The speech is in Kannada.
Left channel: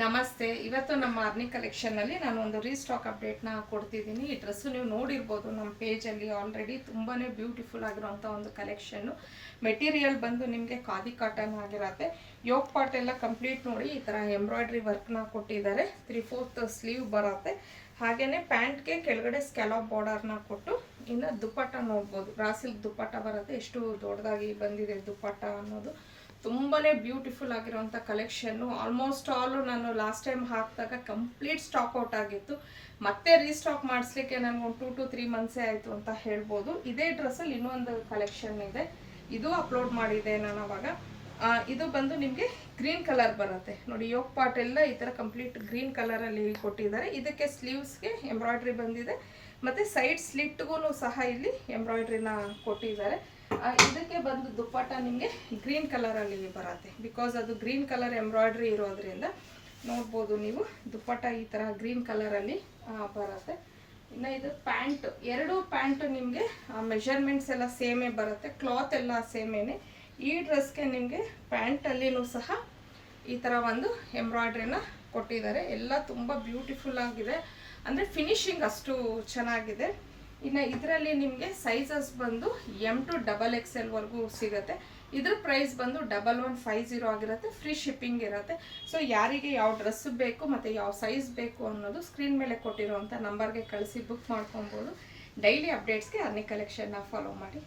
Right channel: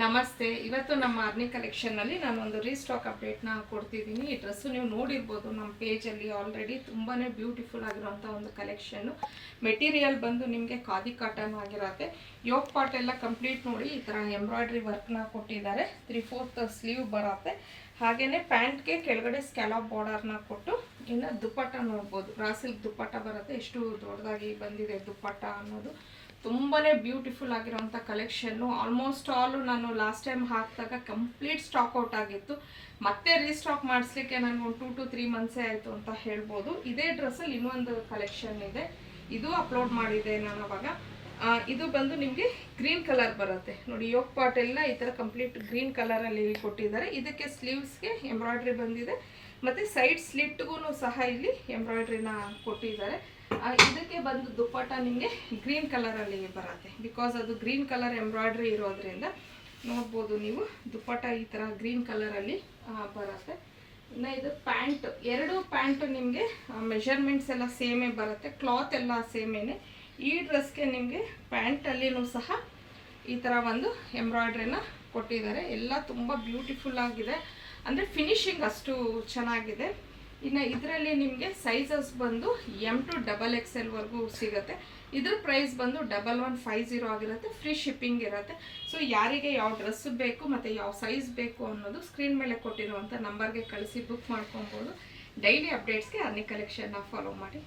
ನಮಸ್ತೆ. ಇವತ್ತು ನಮ್ಮ ಆರ್ನಿ ಕಲೆಕ್ಷನ್ನಲ್ಲಿ ನಾನು ಒಂದು ರೀಸ್ಟಾಕ್ ಅಪ್ಡೇಟ್ನ ಕೊಡ್ತಿದ್ದೀನಿ. ಈ ಡ್ರೆಸ್ಸು ನೀವು ನೋಡಿರ್ಬೋದು ನಮ್ಮ ಪೇಜಲ್ಲಿ ಆಲ್ರೆಡಿ ತುಂಬಾ ಬ್ಯೂಟಿಫುಲ್ ಆಗಿರುವಂಥ ಒಂದು ಕಲೆಕ್ಷನ್ನು. ಮೆಟೀರಿಯಲ್ ಬಂದು ನಿಮಗೆ ಖಾದಿ ಕಾಟನ್ ಆಗಿರತ್ತೆ. ಯೋಗ್ ಪಾರ್ಟ್ ಎಲ್ಲ ಕಂಪ್ಲೀಟ್ ನೋಡಿ ಈ ಥರ ಎಂಬ್ರಾಯ್ಡ್ರಿ ವರ್ಕ್ನ ಕೊಟ್ಟಿದ್ದಾರೆ. 3/4 ಸ್ಲೀವ್ ಬರುತ್ತೆ. ಹಾಗೆಯೇ ಪ್ಯಾಂಟ್ಗೆ ಕೆಳಗಡೆ ಸ್ಕ್ಯಾಲಪ್ ಬಾರ್ಡರ್ನ ಕೊಟ್ಟು ಇನ್ನು ದುಪ್ಪಟ್ಟ ನೋಡ್ಬೋದು. ರಾಸಿಲ್ಕ್ ದುಪ್ಪಟ್ಟ ಬರುತ್ತೆ. ಎಷ್ಟು ದೊಡ್ಡದಾಗಿ ಬಂದಿದೆ ದುಪ್ಪಟ್ಟ ಅನ್ನೋದು. ತುಂಬಾ ಬ್ಯೂಟಿಫುಲ್ ಆಗಿರೋಂಥ ಕಲೆಕ್ಷನ್ನು. ಆಲ್ಮೋಸ್ಟ್ ಆಲು ನಾನು ಲಾಸ್ಟ್ ಟೈಮ್ ಹಾಕಿದಾಗ ಕಂಪ್ಲೀಟ್ ಸ್ಟಾಕ್ ಔಟ್ ಆಗಿತ್ತು. ಮತ್ತೆ ರೀಸ್ಟಾಕ್ ಮಾಡಿಸ್ಲಿಕ್ಕೆ ನನಗೆ ಒಂದು 2 to 3 ಮಂತ್ಸೇ ಆಯಿತು ಅಂತ ಹೇಳ್ಬೋದು. ಇದೇ ಡ್ರೆಸ್ಸಲ್ಲಿ ಇನ್ನೊಂದು ಕಲೆಕ್ಷನ್ ಇದೆ, ಇದು ಅಪ್ಲೋಡ್ ಮಾಡಿದೆ ನಾನು ಅವಾಗ. ಇದು ಬಂದು ನಿಮಗೆ ಗ್ರೀನ್ ಕಲರ್ ಬರುತ್ತೆ ನೋಡಿ. ಯೋಗ್ ಪಾರ್ಟ್ ಎಲ್ಲ ಈ ಥರ ಕಂಪ್ಲೀಟ್ ಗ್ರೀನ್ ಕಲರಲ್ಲಿ ಕೊಟ್ಟಿದ್ದಾರೆ. ಇದಕ್ಕೆ ಸ್ಲೀವ್ಸ್ಗೆ ಎಂಬ್ರಾಯ್ಡ್ರಿ ಬಂದಿದೆ ಮತ್ತು ಸೈಡ್ ಸ್ಲಿಟ್ಗೂ ಸಹ ಇಲ್ಲಿ ಎಂಬ್ರಾಯ್ಡ್ರಿನ ಕೊಟ್ಟಿದ್ದಾರೆ. ಇದಕ್ಕೆ ಬಂದು ದುಪ್ಪಟ್ಟ ನಿಮಗೆ ಗ್ರೀನ್ ಕಲರಲ್ಲಿ ಬರುತ್ತೆ. ಬಿಕಾಸ್ ಅದು ಗ್ರೀನ್ ಕಲರ್ ಎಂಬ್ರಾಯ್ಡ್ರಿ ಇರೋದ್ರಿಂದ ನೋಡ್ಬೋದು ನೀವು. ದುಪ್ಪಟ್ಟ ಈ ಥರ ಗ್ರೀನ್ ಕಲರಲ್ಲಿ ಬರುತ್ತೆ. ಇನ್ನು ಇದು ಪ್ಯಾಂಟ್, ಎರಡು ಪ್ಯಾಂಟು ನಿಮಗೆ ಮೆಷರ್ಮೆಂಟ್ಸ್ ಎಲ್ಲ ಸೇಮೇ ಬರುತ್ತೆ. ಕ್ಲಾತ್ ಎಲ್ಲ ಸೇಮೇನೆ. ಈ ಡ್ರೆಸ್ಗೆ ನಿಮಗೆ ಪ್ಯಾಂಟಲ್ಲಿನೂ ಸಹ ಈ ಥರ ಒಂದು ಎಂಬ್ರಾಯ್ಡ್ರಿನ ಕೊಟ್ಟಿದ್ದಾರೆ. ಎಲ್ಲ ತುಂಬ ಬ್ಯೂಟಿಫುಲ್ ಆಗಿದೆ, ಅಂದರೆ ಫಿನಿಶಿಂಗ್ ಅಷ್ಟು ಚೆನ್ನಾಗಿದೆ. ಇನ್ನು ಇದರಲ್ಲಿ ನಿಮಗೆ ಸೈಜಸ್ ಬಂದು M to XXL ವರೆಗೂ ಸಿಗುತ್ತೆ. ಇದ್ರ ಪ್ರೈಸ್ ಬಂದು 1150 ಆಗಿರುತ್ತೆ. ಫ್ರೀ ಶಿಪ್ಪಿಂಗ್ ಇರುತ್ತೆ. ಸೊ ಯಾರಿಗೆ ಯಾವ ಡ್ರೆಸ್ ಬೇಕು ಮತ್ತು ಯಾವ ಸೈಜ್ ಬೇಕು ಅನ್ನೋದು ಸ್ಕ್ರೀನ್ ಮೇಲೆ ಕೊಟ್ಟಿರುವಂಥ ನಂಬರ್ಗೆ ಕಳಿಸಿ ಬುಕ್ ಮಾಡ್ಕೊಬೋದು. ಡೈಲಿ ಅಪ್ಡೇಟ್ಸ್ಗೆ ಆರ್ನಿ ಕಲೆಕ್ಷನ್ನ ಫಾಲೋ ಮಾಡಿ.